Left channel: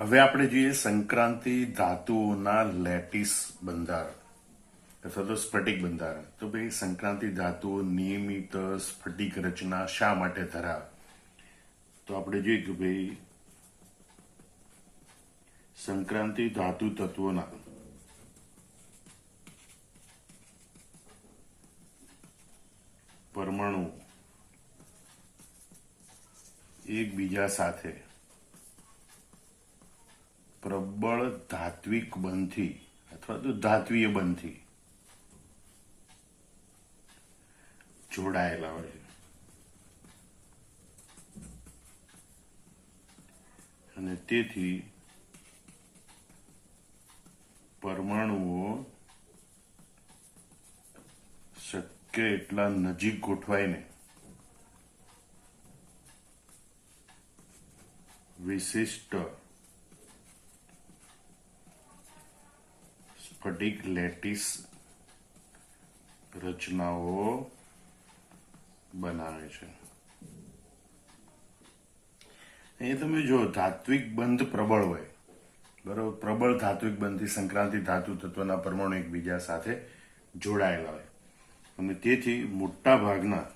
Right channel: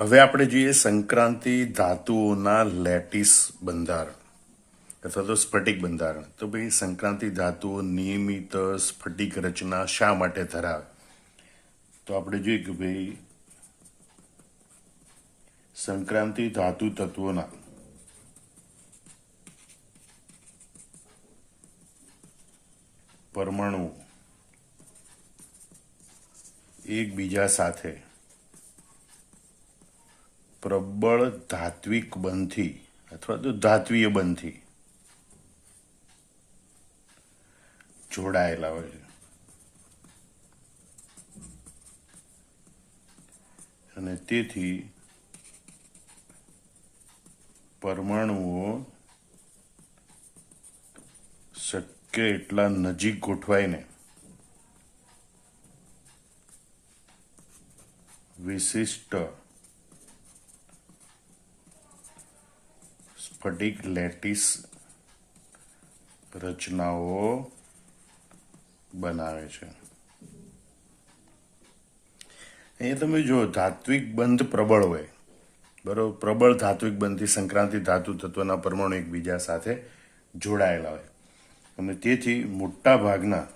હવે આપણે જોઈએ સંક્રાંતિ ધાતુઓના લેટિસ બંધારણ અથવા તો સ્ફટિક બંધારણ. તો ભાઈ સંક્રાંતિ ધાતુઓ નિયમિત સ્ફટિક રચના શા માટે ધરાવે? તો આપણે જોઈએ કે ભાઈ સંક્રાંતિ ધાતુ તત્વોના પરમાણુ એકબીજા સાથે પ્રબળ ધાત્વિક બંધથી અથવા તો ધાત્વીય બંધથી જોડાયેલા હોય છે અને તેથી પરમાણુઓ શક્ય એટલા નજીક ગોઠવાઈને વિશિષ્ટ સ્ફટિક લેટિસ રચનાઓ બનાવે છે. અહીંયા તમે જો ધાત્વિક બંધ પ્રબળ હોય, બરોબર, પ્રબળ ધાત્વિક બંધથી સંક્રાંતિ ધાતુ તત્વના પરમાણુ એકબીજા સાથે જોડાયેલા હોય અને તેથી મોટા ભાગના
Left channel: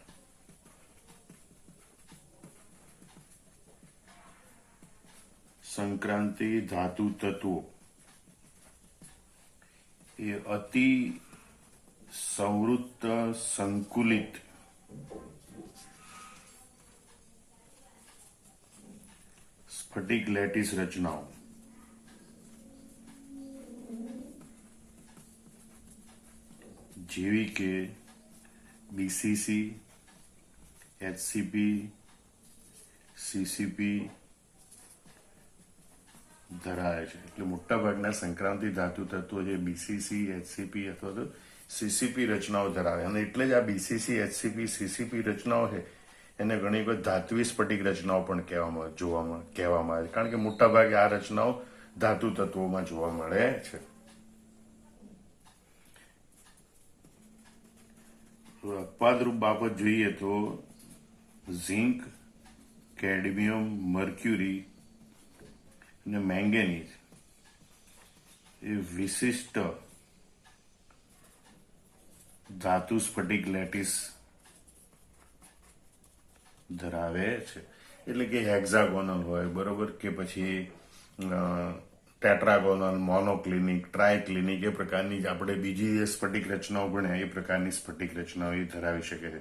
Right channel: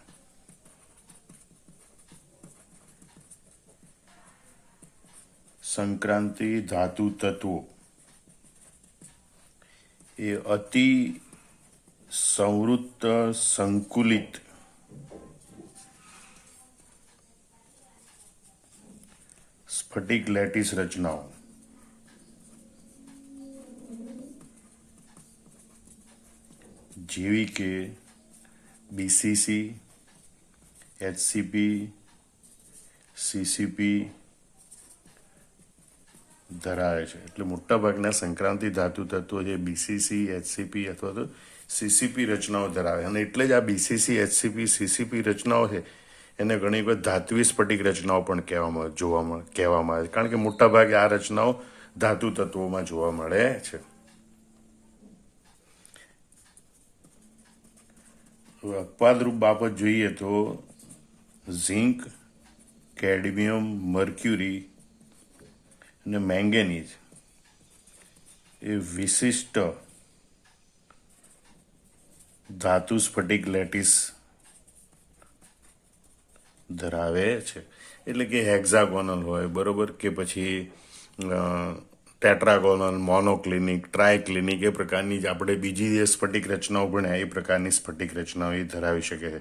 સંક્રાંતિ ધાતુ તત્વો એ અતિ સંવૃત્ત સંકુલિત સ્ફટિક લેટિસ રચનાઓ જેવી કે બીસીસી, એચસીપી, સીસીપી ધરાવે છે. એટલે મોટાભાગના સંક્રાંતિ ધાતુ તત્વો જે બીસીસી, એચસીપી અથવા તો સીસીપી રચનાઓ ધરાવે અને એટલે જ આ બીસીસી, એચસીપી, સીસીપી રચનાઓ છે એને ઘણી વખત ધાત્વી સ્ફટિક રચનાઓ પણ કહેવામાં આવે છે, કારણ કે મોટાભાગે આ રચનાઓ ધાતુ તત્વોમાં જોવા મળે છે. અપવાદરૂપ બાબત જોઈએ તો ઝિંક, કેડમિયમ, મર્ક્યુરી અને મેંગેનીઝ એ વિશિષ્ટ ધાતુ સ્ફટિક લેટિસ ધરાવે છે. એટલે કે હેક્ઝાગોનલ હોય, બરોબર, કે પછી ટેટ્રાગોનલ, મોનોક્લિનિક, ટ્રાયક્લિનિક એ પ્રકારની જ આપણે બીજી જે સ્ફટિક રચનાઓ ભણ્યા એ પ્રકારની સ્ફટિક રચનાઓ એ ધરાવી શકે છે.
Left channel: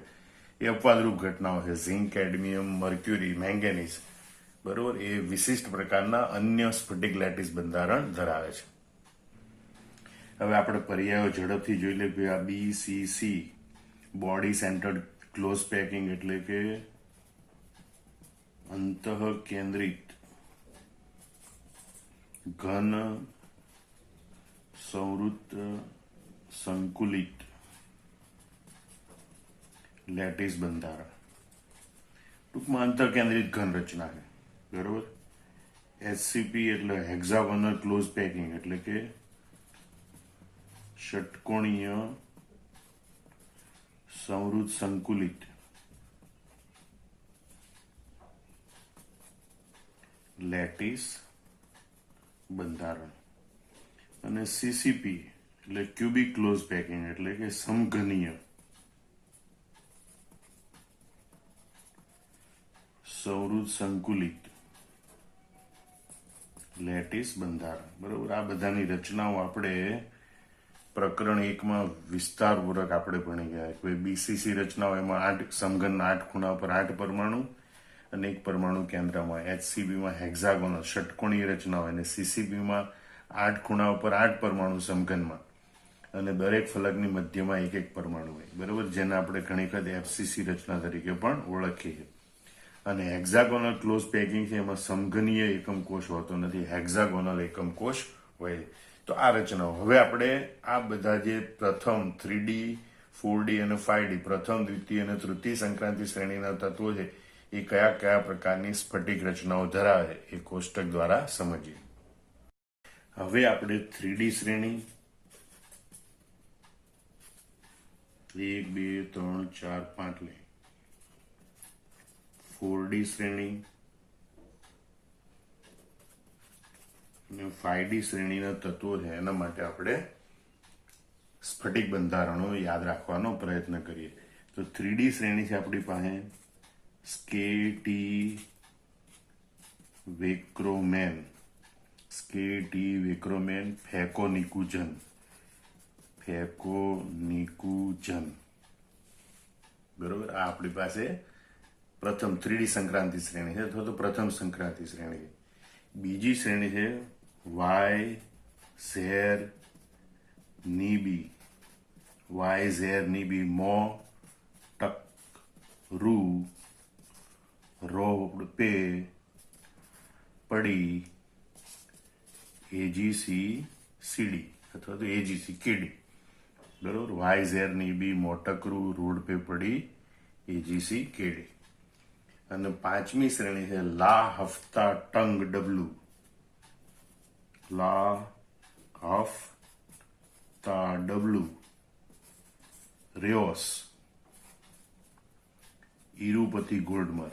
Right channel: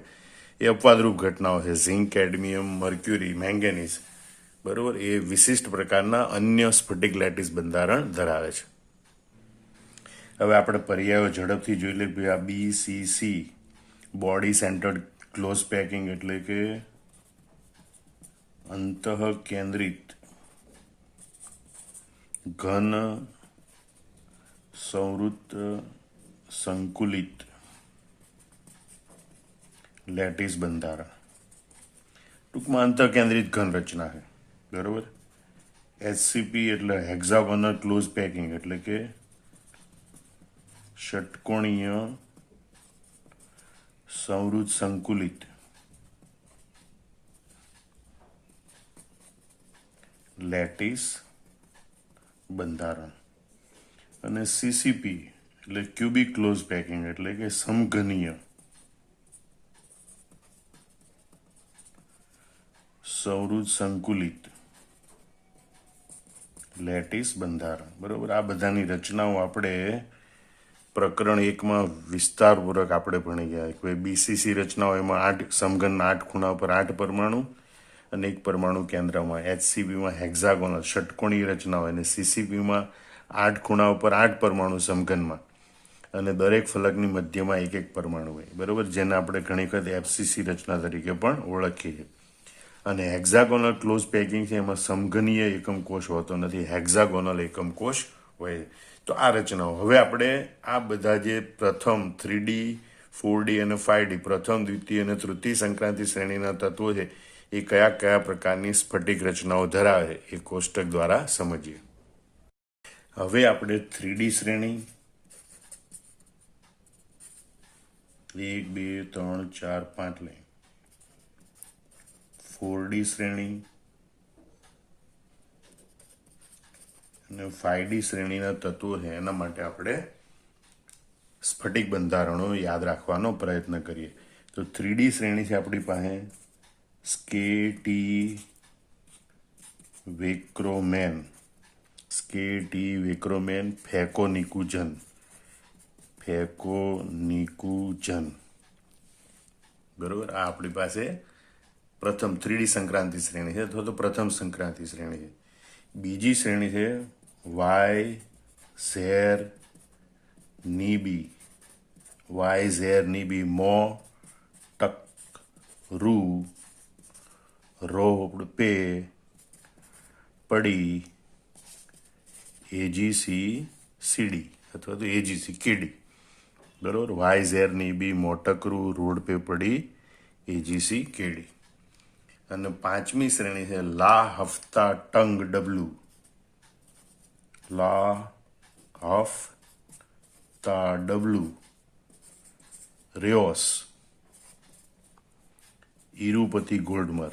એ અપવાદરૂપ ઘટનાઓ છે. ઝિંક, કેડમિયમ, મર્ક્યુરી, મેંગેનીઝ, બરોબર, એ વિશિષ્ટ પ્રકારના અન્ય સ્ફટિક લેટિસ બંધારણ ધરાવે છે. હવે આપણે પર્યાયો ઝડપથી જોઈ લઈએ. આ BCC body centred close packing એટલે કે અંતઃ કેન્દ્રિત ઘન સંવૃત્ત સંકુલિત લેટિસ બંધારણ, ટૂંકમાં અંતઃ કેન્દ્રિત ઘન રચના છે, બરોબર. એચસીપી એટલે હેક્ઝાગોનલ ક્લોઝ પેકિંગ એટલે કે ષટકોણીય સંવૃત્ત સંકુલિત લેટિસ બંધારણ અને સીસીપી એટલે ક્યુબિક ક્લોઝ પેકિંગ એટલે કે સમઘનીય સંવૃત્ત સંકુલિત લેટિસ બંધારણ, બરોબર. આ બધાની રચનાઓ આપણે પ્રકરણ 1માં વિસ્તારપૂર્વક આપણે ભણી ગયા. બીસીસી રચનાઓ એમાં 8 સમઘનના 8 ખૂણા પર 8 પરમાણુ અને 1 પરમાણુ કેન્દ્રમાં. એચસીપીમાં હેક્ઝાગોનલ ષટકોણીય રચનાઓ અને સીસીપીમાં 8 ખૂણા ઉપર 8 પરમાણુ સમઘનમાં અને દરેક ફલકની મધ્યમાં 1 પરમાણુ હોય, બરોબર, જેને આપણે ઘણી વખત એફસીસી રચના તરીકે પણ ઓળખીએ. અને હેક્ઝાગોનલ ક્લોઝ પેકિંગ છે એમાં સમઘનીય એકમ કોષ હોતો નથી, હેક્ઝાગોનલ એકમ કોષ હોય. તો આ રચનાઓ હવે આપણે આ બધા જે પ્રથમ 3D, 4D અને 5D પ્રથમ, દ્વિતીય અને તૃતીય સંક્રાંતિ શ્રેણીના તત્વો છે એ કયા કયા પ્રકારની સ્ફટિક રચનાઓ ધરાવે એ કોષ્ટક દ્વારા સમજીએ. હવે આપણે 3D શ્રેણી 1, 2, 3, 4, 5 લઈ, 4D શ્રેણી અને 5D શ્રેણીના તત્વો છે એના માટે આપણે સ્ફટિક બંધારણો યાદ રાખવાનો પ્રયત્ન કરીએ. તો 3D શ્રેણી છે આપણી પાસે સ્કેટી વેક્રોમેન, ફેકોનિકુજન, બરોબર. આ આપણી પાસે પ્રથમ 3D સંક્રાંતિ શ્રેણી છે અથવા તો પ્રથમ સંક્રાંતિ શ્રેણી છે. બીજી શ્રેણી છે વાય ઝેર નીબી, મો ટક રૂ રો પે પડી એજીસી સીડી અથવા તો એજીસી કેડી, બરોબર. વાય ઝેર નીબી, મોટકરૂ, રોડ પે પડી એજીસી કેડી. અને પાંચમી શ્રેણી છે લા હફતા ટંગ ડબલ્યુ, રેઓસ ઇરુપતિ ગોલ્ડમર,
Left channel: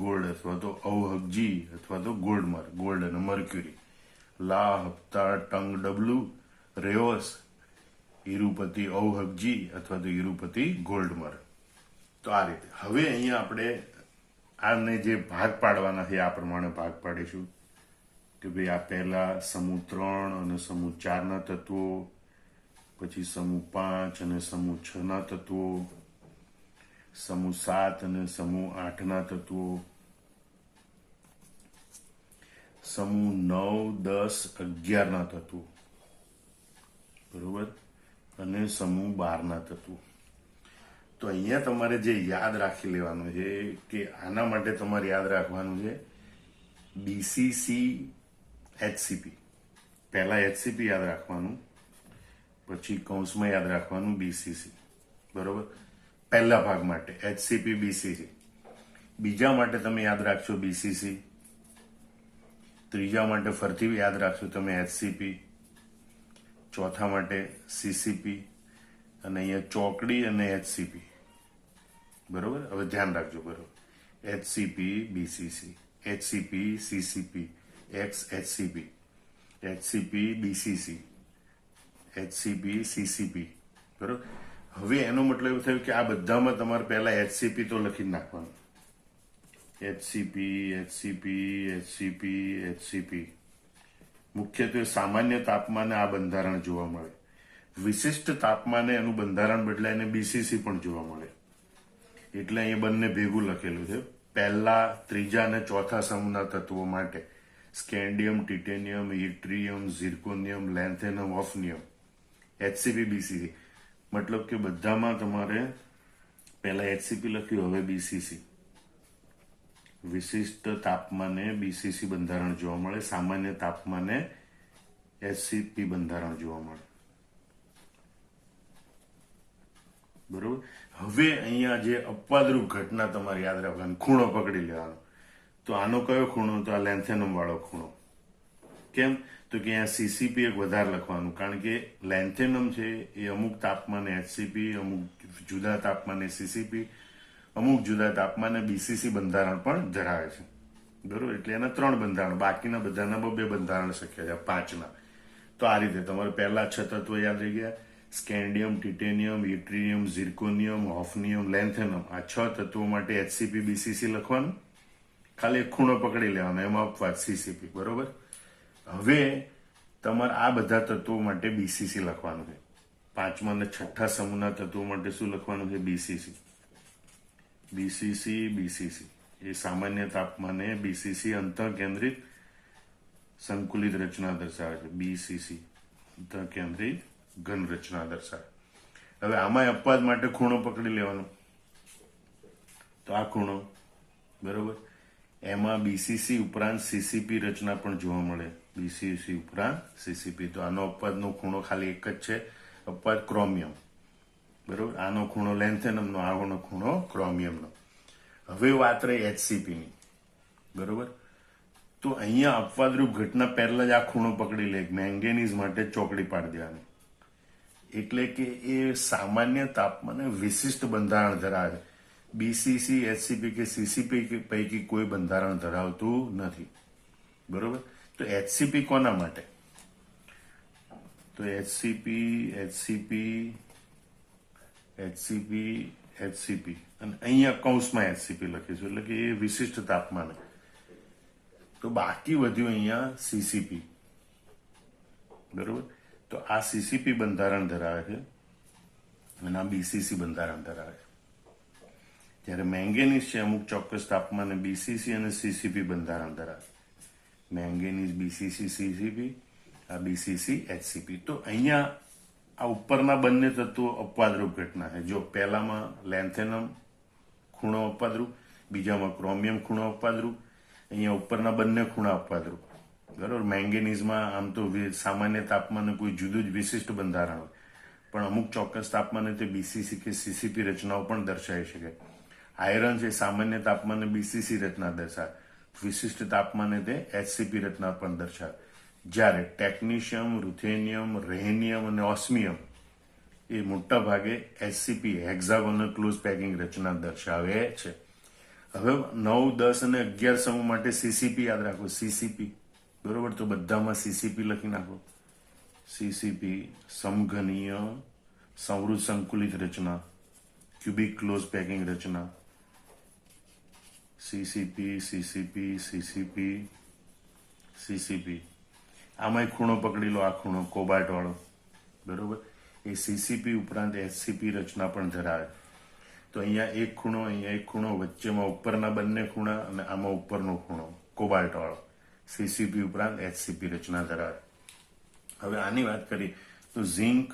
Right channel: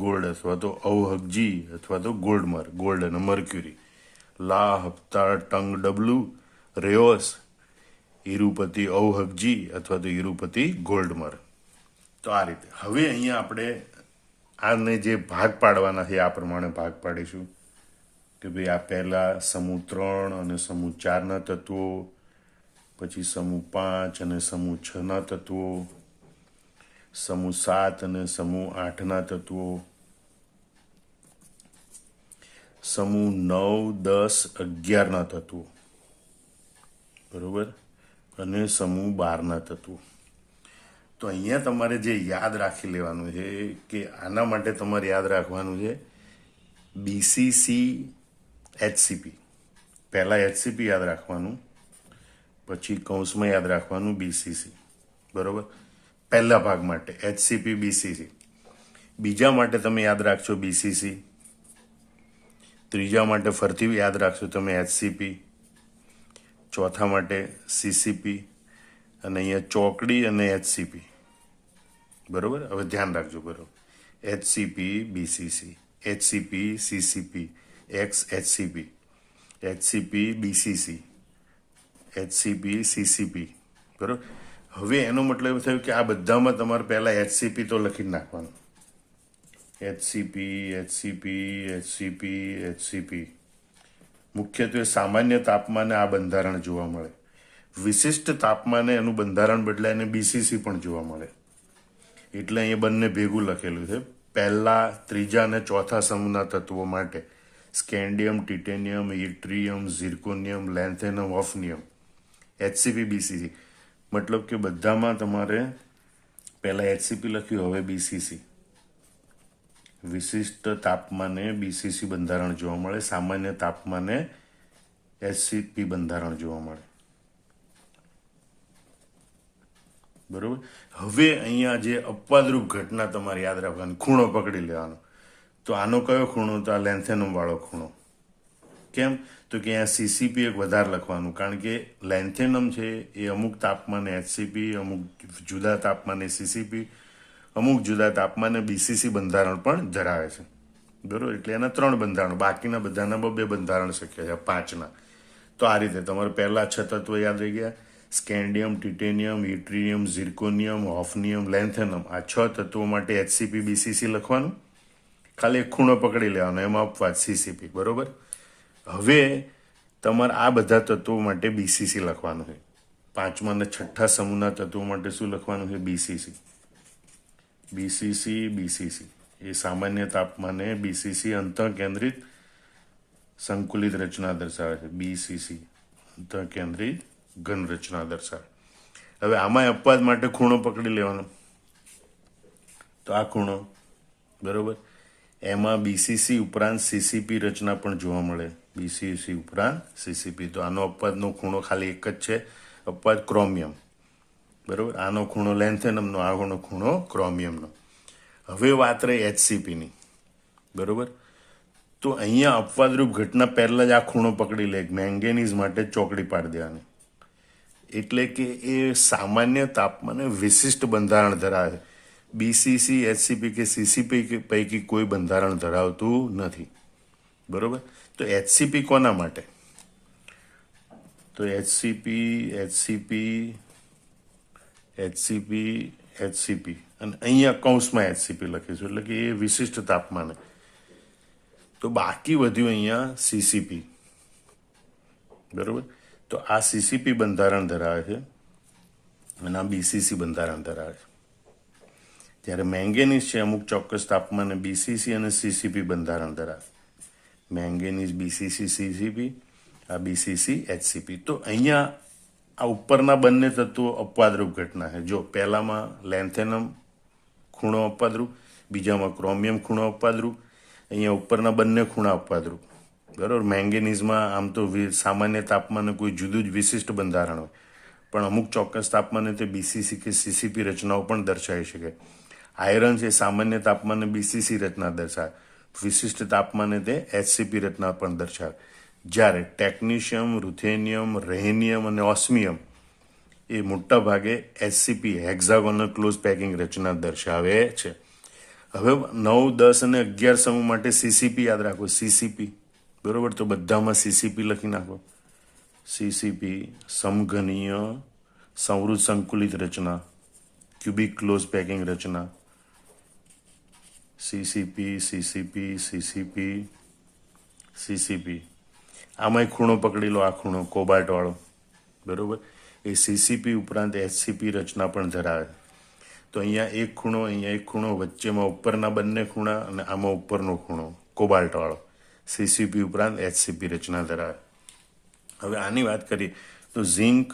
ગોલ્ડ અથવા તો અવહગજી અથવા તો ગોલ્ડમર, ગોલ્ડ અને મર્ક્યુરી. લા હપ્તા ટંગ ડબલ્યુ રેઓસ ઇરુપતિ અવહગજી અથવા તો ઇરુપતિ ગોલ્ડમર. તો આ રીતે હવે અહીંયા આપણે આને જે ભાગ પાડવાના છે આ પ્રમાણે ભાગ પાડીશું કે ભાઈ આ પહેલા સમૂહ 3 અને સમૂહ 4ના તત્વો, પછી સમૂહ 5 અને સમૂહ 6ના તત્વો, સમૂહ 7 અને સમૂહ 8ના તત્વો, સમૂહ 9, 10, 11ના તત્વો, બરોબર, અને સમૂહ 12ના તત્વો. તો અહીંયા તમારે જે યાદ રાખી લેવાનું છે કે આના માટે તમારે યાદ રાખવાનું છે બીસીસી એચસીપી. પહેલા એચસીપી યાદ રાખવાનું, પછી કૌંસમાં યાદ રાખવાનું બીસીસી, બરોબર. પહેલા ભાગ માટે એચસીપી બીસીસી, બીજા માટે તમે યાદ રાખશો બીસીસી, ત્રીજા માટે ફરીથી યાદ રાખશો તમે એચસીપી, ચોથા માટે સીસીપી, અને અહીંયા ચોકડી અને એચસીપી, બરોબર. હવે ધ્યાન રાખજો, બરોબર. એચસીપી બીસીસી, એચસીપી સીસીપી, એચસીપી, એચસીપી બીસીસી, એચસીપી સીસીપી, બરોબર. હવે એનો મતલબ એવું થયું કે આ બધામાં તમારે પહેલા એચસીપી તો લખી નાખવાનું. એચસીપી. મુખ્યત્વે સામાન્ય તાપમાને આ બંધારણ જોવા મળે. વિશિષ્ટ તાપમાને એનું બંધારણ બદલાઈને બીસીસી પણ જોવા મળે. એટલે અહીંયા બંને ભેગું લખેલું છે. પહેલા, ત્રીજા અને ચોથા સમૂહના તત્વો માટે scandium, titanium, yttrium, zirconium, lanthanum, hafnium, HCP BCC. મતલબ કે બધામાં તમારે પહેલા એચસીપી લખ્યું, હવે બીસીસી. વિશિષ્ટ તાપમાને બીસીસી બંધારણ જોવા મળે, સામાન્ય તાપમાને એચસીપી બંધારણ જોવા મળે, બરોબર. હવે અહીંયા જે અપવાદરૂપ ઘટના તમારે યાદ રાખવાની, ખૂણો પકડી લેવાનો. તો આનો કયો ખૂણો? તો આ લેન્થેનમ વાળો ખૂણો. કેમ? તો કે અહીંયા સીસીપી એક વધારે લખવાનું, કારણ કે લેન્થેનમ છે એ અમુક તાપમાને એચસીપી, અમુક જુદા તાપમાને સીસીપી, અમુક જુદા તાપમાને બીસીસી બંધારણ પણ ધરાવે છે, બરોબર. એટલે એના 3 બંધારણ, બાકીના બધાના 2 બંધારણ શક્ય છે, 5ના. તો આ રીતે તમારે પહેલા 6 તત્વો યાદ રહી ગયા: સ્કેન્ડિયમ, ટિટેનિયમ, ઇટ્રિયમ, ઝિર્કોનિયમ, હોફનિયમ, લેન્થેનમ. આ 6 તત્વો માટે એચસીપી બીસીસી લખવાનું, ખાલી એક ખૂણો પકડી લેવાનો, એમાં અપવાદ સીસીપી, બરોબર. હવે તમારે આ બધા તત્વો માટે બીસીસી લખવાનું છે. 5મા અને 6ઠા સમૂહના તત્વો માટે શું લખવાનું છે? બીસીસી. એ સામાન્ય તાપમાને બીસીસી અંતઃકેન્દ્રિત સંકુલિત રચના દર્શાવે છે. બીસીસી અંતઃકેન્દ્રિત ઘન રચના દર્શાવે. હવે આમાં અપવાદ માટે ખૂણો પકડી લેવાનો, તો આ ખૂણો, બરોબર. એમાં બીસીસી ઉપરાંત સીસીપી રચના પણ જોવા મળે. બીસીસી ઉપરાંત સીસીપી. તો આનો અપવાદનો ખૂણો ખાલી એક જ છે, અપવાદ ક્રોમિયમ, બરોબર. આનો ખૂણો લેન્થેનમનો, આનો ખૂણો ક્રોમિયમનો. હવે વાત રહી એચસીપીની, બરોબર. તો અહીંયા અપવાદરૂપ ઘટના પહેલા જ આ ખૂણો પકડી લે. મેંગેનીઝ માટે ચોકડી પાડી દેવાની. એટલે કે એ સામાન્ય તાપમાને વિશિષ્ટ બંધારણ ધરાવે છે. બીસીસી, એચસીપી કે સીસીપી પૈકી કોઈ બંધારણ ધરાવતું નથી. બરોબર. તો એચસીપી કોના માટે? તો એચસીપી અને અહીંયા કૌંસમાં એચસીપી લખીશું, એટલે કે એ વિશિષ્ટ તાપમાને. તો બાકી વધ્યું અહીંયા સીસીપી. બરોબર. તો આ સીસીપી બંધારણ ધરાવે છે અને આ બીસીસી બંધારણ ધરાવે છે. જ્યારે મેંગેનીઝ છે અમુક ચોક્કસ તાપમાને બીસીસી અને સીસીપી બંધારણ ધરાવે. મેંગેનીઝ બીસીસી સીસીપી, આ બીસીસી એચસીપી. તો અહીંયા આ ઉપરના બંને તત્વો અપવાદરૂપ ઘટના છે. જો પહેલામાં લેન્થેનમ ખૂણો અપવાદરૂપ, બીજામાં ક્રોમિયમ ખૂણો અપવાદરૂપ, અહીંયા ઉપરના બંને ખૂણા અપવાદરૂપ. બરાબર. મેંગેનીઝમાં આમ તો સામાન્ય તાપમાને કોઈ જુદું જ વિશિષ્ટ બંધારણ હોય, પણ અમુક ચોક્કસ તાપમાને તે બીસીસી કે સીસીપી રચનાઓ પણ દર્શાવી શકે. આયરન છે સામાન્ય તાપમાને બીસીસી રચના દર્શાવે, વિશિષ્ટ તાપમાને તે એચસીપી રચના પણ દર્શાવે. જ્યારે ટેકનિશિયમ, રૂથેનિયમ, રેહેનિયમ અને ઓસ્મિયમ એ મોટા ભાગે એચસીપી હેક્ઝાગોનલ ક્લોઝ પેકિંગ રચના દર્શાવે છે. હવે 9, 10 અને 11 સમૂહ માટે સીસીપી યાદ રાખો. સીસીપી બરોબર. તો બધામાં સીસીપી લખી નાખો. સીસીપી સમઘનીય સંવૃત સંકુલિત રચના, ક્યુબિક ક્લોઝ પેકિંગ રચના. સીસીપી આમાંય ખૂણો પકડી લો, આ ખૂણો કોબાલ્ટ વાળો. બરોબર. એ સીસીપી ઉપરાંત એચસીપી રચના પણ ધરાવે. તો અહીંયા એક ખૂણો, અહીંયા એક ખૂણો, વચ્ચેમાં ઉપરના બંને ખૂણા અને આમાં ઉપરનો ખૂણો કોબાલ્ટ વાળો. સીસીપી ઉપરાંત એચસીપી રચના ધરાવે. હવે આની વાત કરીએ તો ઝિંક,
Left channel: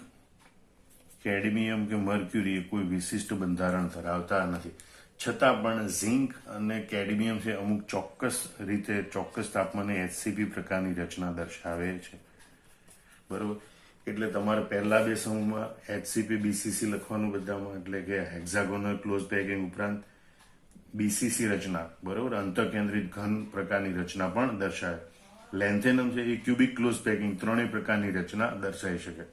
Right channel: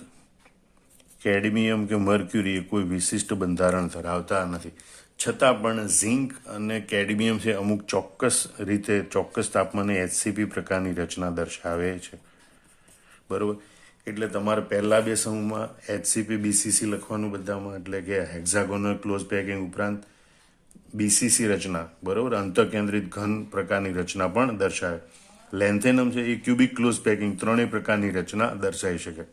કેડમિયમ કે મર્ક્યુરી એ કોઈ વિશિષ્ટ બંધારણ ધરાવતા નથી. છતાં પણ ઝિંક અને કેડમિયમ છે અમુક ચોક્કસ રીતે ચોક્કસ તાપમાને એચસીપી પ્રકારની રચના દર્શાવે છે. બરોબર. એટલે તમારે પહેલા બે સમૂહમાં એચસીપી બીસીસી લખવાનું બધામાં, એટલે કે હેક્ઝાગોનલ ક્લોઝ પેકિંગ ઉપરાંત બીસીસી રચના. બરોબર. અંતઃકેન્દ્રિત ઘન પ્રકારની રચના પણ દર્શાવે. લેન્થેનમ છે એ ક્યુબિક ક્લોઝ પેકિંગ ત્રણેય પ્રકારની રચના દર્શાવી શકે.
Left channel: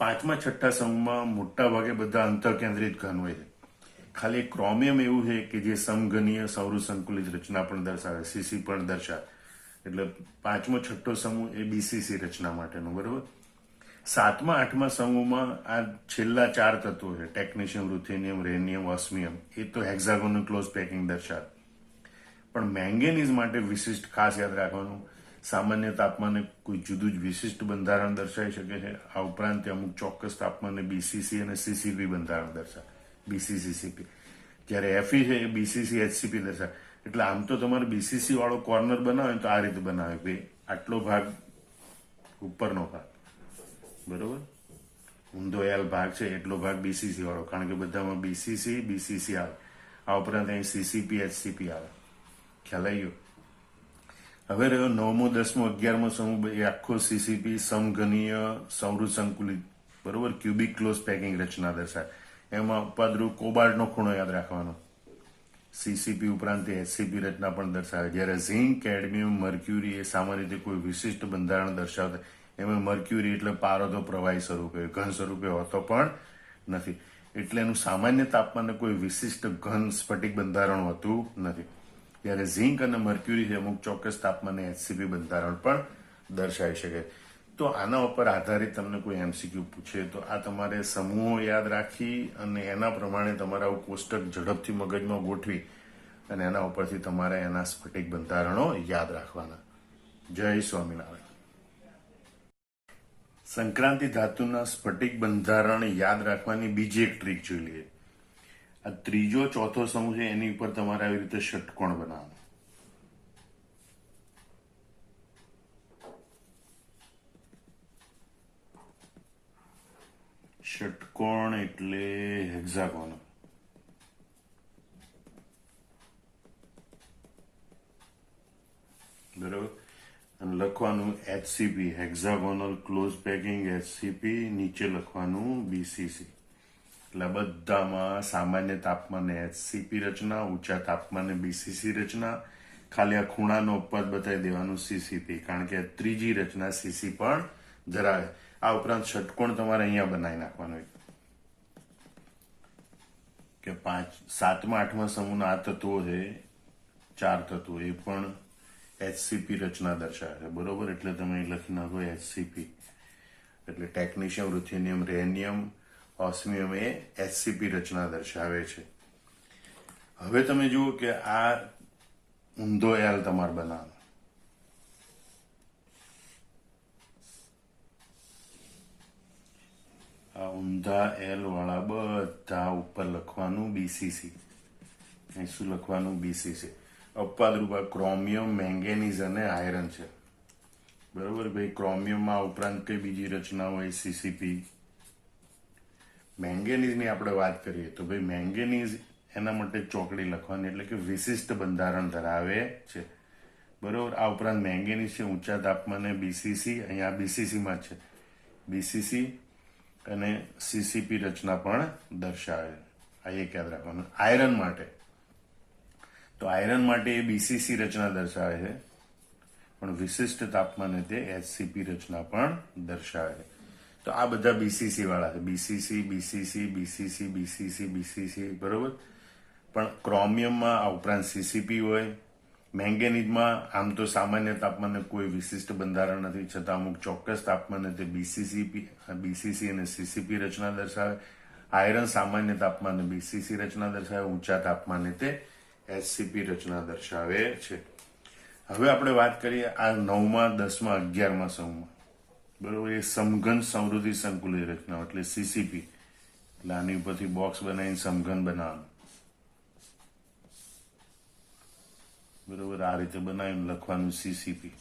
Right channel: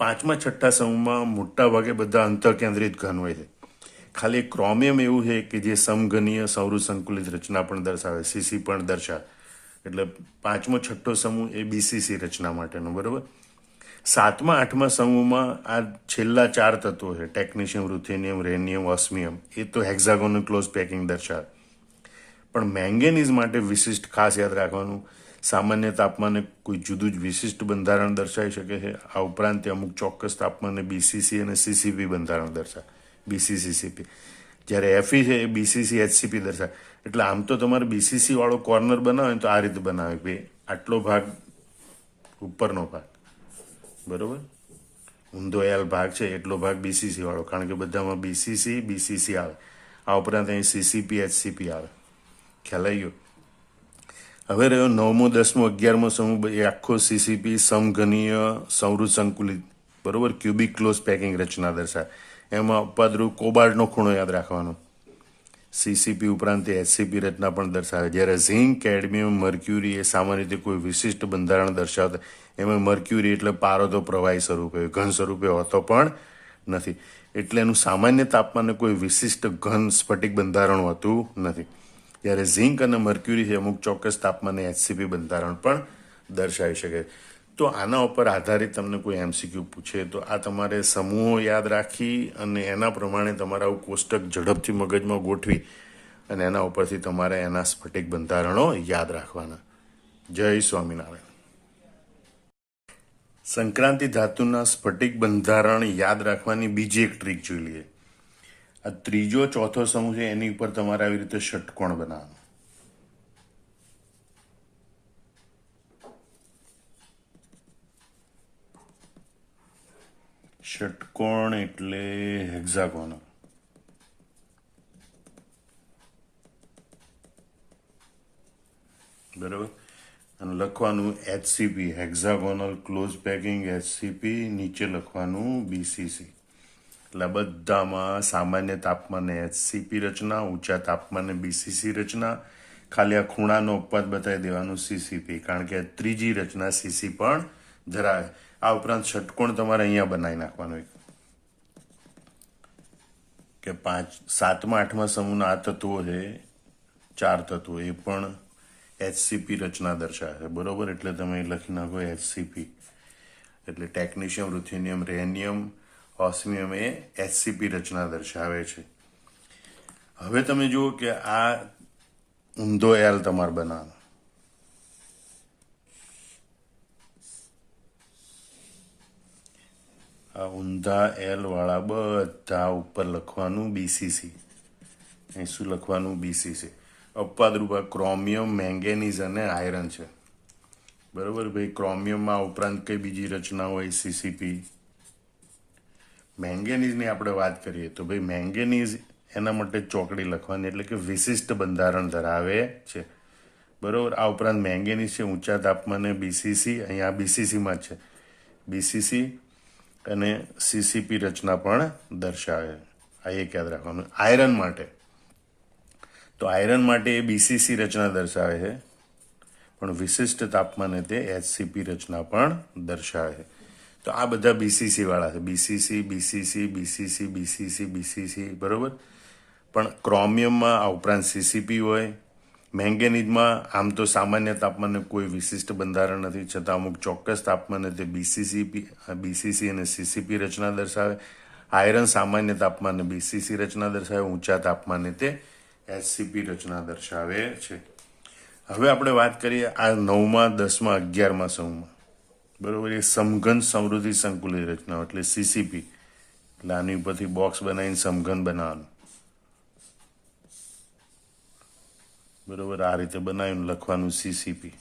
5મા 6ઠ્ઠા સમૂહમાં મોટા ભાગે બધા અંતઃકેન્દ્રિત ઘન હોય છે. ખાલી ક્રોમિયમ એવું છે કે જે સમઘનીય સંવૃત સંકુલિત રચના પણ દર્શાવે, સીસી પણ દર્શાવે. એટલે 5મો 6ઠ્ઠો સમૂહ એ બીસીસી રચના માટેનો. બરોબર. 7મા 8મા સમૂહમાં આ છેલ્લા 4 તત્વો છે, ટેકનિશિયમ, રૂથેનિયમ, રેનિયમ, ઓસ્મિયમ, એ તો હેક્ઝાગોનલ ક્લોઝ પેકિંગ દર્શાવે. પણ મેંગેનીઝ માટે વિશિષ્ટ ખાસ યાદ રાખવાનું, સામાન્ય તાપમાને કોઈ જુદું જ વિશિષ્ટ બંધારણ દર્શાવી શકે છે. આ ઉપરાંત તે અમુક ચોક્કસ તાપમાને બીસીસી અને સીસીપી બંધારણ દર્શાવે. BCC CP. જ્યારે એફઈ છે એ બીસીસી એચસીપી દર્શાવે. એટલે આમ તો તમારે બીસીસી વાળો કોર્નર બનાવે તો આ રીતે બનાવે કે આટલો ભાગ ઉપરનો ભાગ, બરોબર, ઊંધો એલ ભાગ છે એટલો ભાગ બીસીસી વાળો, કારણ કે બધામાં બીસીસી આવે. આ ઉપરાંત અહીં સીસીપી એચસીપી આવે. ખ્યાલ આવી ગયો. હવે રહ્યો 9મો 10મો 11મો સમૂહ, એ આખો સીસીપી સમઘનીય સંવૃત સંકુલિત, બરોબર, ક્યુબિક ક્લોઝ પેકિંગ રચના દર્શાવે. એમાં અપવાદરૂપ કોબાલ્ટનો ખૂણો યાદ રાખવાનો. સીસીપી ઉપરાંત એચસીપી રચના પણ દર્શાવે. જ્યારે ઝિંક, કેડમિયમ, મર્ક્યુરી એ સામાન્ય રીતે કોઈ વિશિષ્ટ બંધારણ દર્શાવતા. એમાં મર્ક્યુરી એટલે પારદો પ્રવાહી સ્વરૂપે, ઘન સ્વરૂપે હોતો પણ નથી. એટલે એનું સામાન્ય તાપમાને કોઈ વિશિષ્ટ ઘન સ્ફટિક બંધારણ હોતું નથી. જ્યારે ઝિંક અને મર્ક્યુરી છે અમુક ચોક્કસ તાપમાને એચસીપી બંધારણ પણ દર્શાવી શકે. તો આના ઉપર આધારિત તમને કોઈ એમસીક્યુ પૂછે તો આ તમારે સમૂહો યાદ રાખી અને એના પ્રમાણે તમારા કોષ્ટક ઝડપથી મગજમાં ગોઠવી અને એના ઉપરથી તમારે એના સ્ફટિક બંધારણો યાદ રાખવાના. જય સ્વામિનારાયણ. સંક્રાંતિ ધાતુના સ્ફટિક બંધારણ યાદ રાખવાની બીજી એક ટ્રીક જોઈ લઈએ. આ ત્રીજો ચોથો સમૂહ છે એની ઉપર તમારે આવી રીતે ષટકોણ બનાવવાનો. ષટકોણ એટલે હેક્ઝાગોન. બરાબર. અને લખવાનું HCP, hexagonal close packing HCP, નીચે લખવાનું બીસીસી. એટલે બધામાં સામાન્ય તાપમાને એચસીપી રચના, ઊંચા તાપમાને બીસીસી રચના, ખાલી આ ખૂણાનો અપવાદ બતાવી દેવાનું સીસીપી, કારણ કે ત્રીજી રચના સીસી પણ ધરાવે. આ ઉપરાંત ષટકોણ તમારે અહીંયા બનાવી નાખવાનો કે 7મા 8મા સમૂહના આ તત્વો છે 4 તત્વો એ પણ એચસીપી રચના દર્શાવે છે, બરોબર. એટલે તમે લખી નાખો એચસીપી, એટલે ટેકનિશિયમ, રુથેનિયમ, રેનિયમ, ઓસ્મિયમ એ એચસીપી રચના દર્શાવે છે. હવે તમે જુઓ કે આ ઊંધો એલ તમારે બનાવો. આ ઊંધા એલ વાળા બધા ઉપર લખવાનું બીસીસી. અહીં શું લખવાનું? બીસીસી. અપવાદરૂપ ક્રોમિયમ, મેંગેનીઝ અને આયરન છે, બરોબર ભાઈ. ક્રોમિયમમાં ઉપરાંત કઈ બીજી રચના હોય? સીસીપી. મેંગેનીઝની આપણે વાત કરીએ તો ભાઈ મેંગેનીઝ એના માટે ચોકડી લખવાની, એટલે કે વિશિષ્ટ બંધારણ ધરાવે છે, બરોબર. આ ઉપરાંત મેંગેનીઝ છે ઊંચા તાપમાને બીસીસી, અહીંયા બીસીસીમાં છે બીસીસી અને સીસીપી રચના પણ દર્શાવે. આ એક યાદ રાખવાનું. આયરન માટે તો આયરન માટે એ બીસીસી રચના દર્શાવે છે, પણ વિશિષ્ટ તાપમાને તે એચસીપી રચના પણ દર્શાવે છે. તો આ બધા બીસીસી વાળા છે, BCC, BCC, BCC, BCC, BCC, બરોબર. પણ ક્રોમિયમમાં આ ઉપરાંત સીસીપી હોય. મેંગેનીઝમાં આમ તો સામાન્ય તાપમાને કોઈ વિશિષ્ટ બંધારણ નથી, છતાં અમુક ચોક્કસ તાપમાને તે બીસીસી અને સીસીપી રચના દર્શાવે. આયરન સામાન્ય તાપમાને બીસીસી રચના દર્શાવે, ઊંચા તાપમાને તે એચસીપી રચના દર્શાવે છે. હવે આપણે વાત કરીએ આ 9મા, 10મા, 11મા સમૂહમાં, બરોબર. એ સમઘન સમૃદ્ધિ સંકુલિત રચનાઓ એટલે સીસીપી. એટલે આની ઉપરથી બોક્સ બનાવીને સમઘન બનાવવાનું, બરોબર. આ રીતે બનાવીને લખવાનું સીસીપી,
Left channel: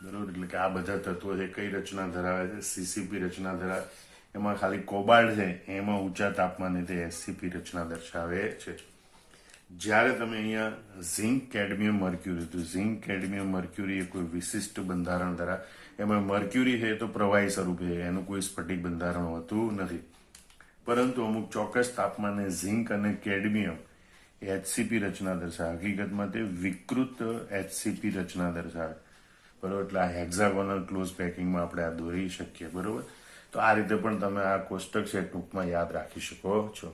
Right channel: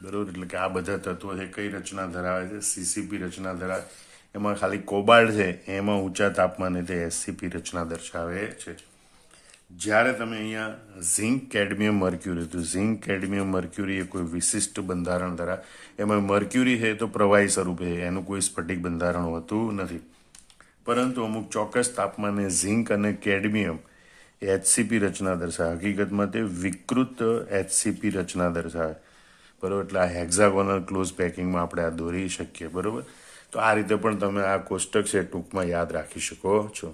બરોબર. એટલે કે આ બધા તત્વો છે કઈ રચના ધરાવે છે? સીસીપી રચના ધરાવે. એમાં ખાલી કોબાલ્ટ છે એમાં ઊંચા તાપમાને તે એસસીપી રચના દર્શાવે છે. જ્યારે તમે અહીંયા ઝિંક, કેડમિયમ, મર્ક્યુરી, તો ઝિંક, કેડમિયમ, મર્ક્યુરી એ કોઈ વિશિષ્ટ બંધારણ ધરાવે. એમાં મર્ક્યુરી છે તો પ્રવાહી સ્વરૂપે છે, એનું કોઈ સ્ફટિક બંધારણ હોતું નથી. પરંતુ અમુક ચોક્કસ તાપમાને ઝિંક અને કેડમિયમ એચસીપી રચના દર્શાવે. હકીકતમાં તે વિકૃત એચસીપી રચના દર્શાવે, બરોબર. એટલે આ હેક્ઝાગોનલ ક્લોઝ પેકિંગમાં આપણે આ દોરી શકીએ, બરોબર. તો આ રીતે પણ તમે આ કોષ્ટક છે ટૂંકમાં યાદ રાખી શકો છો.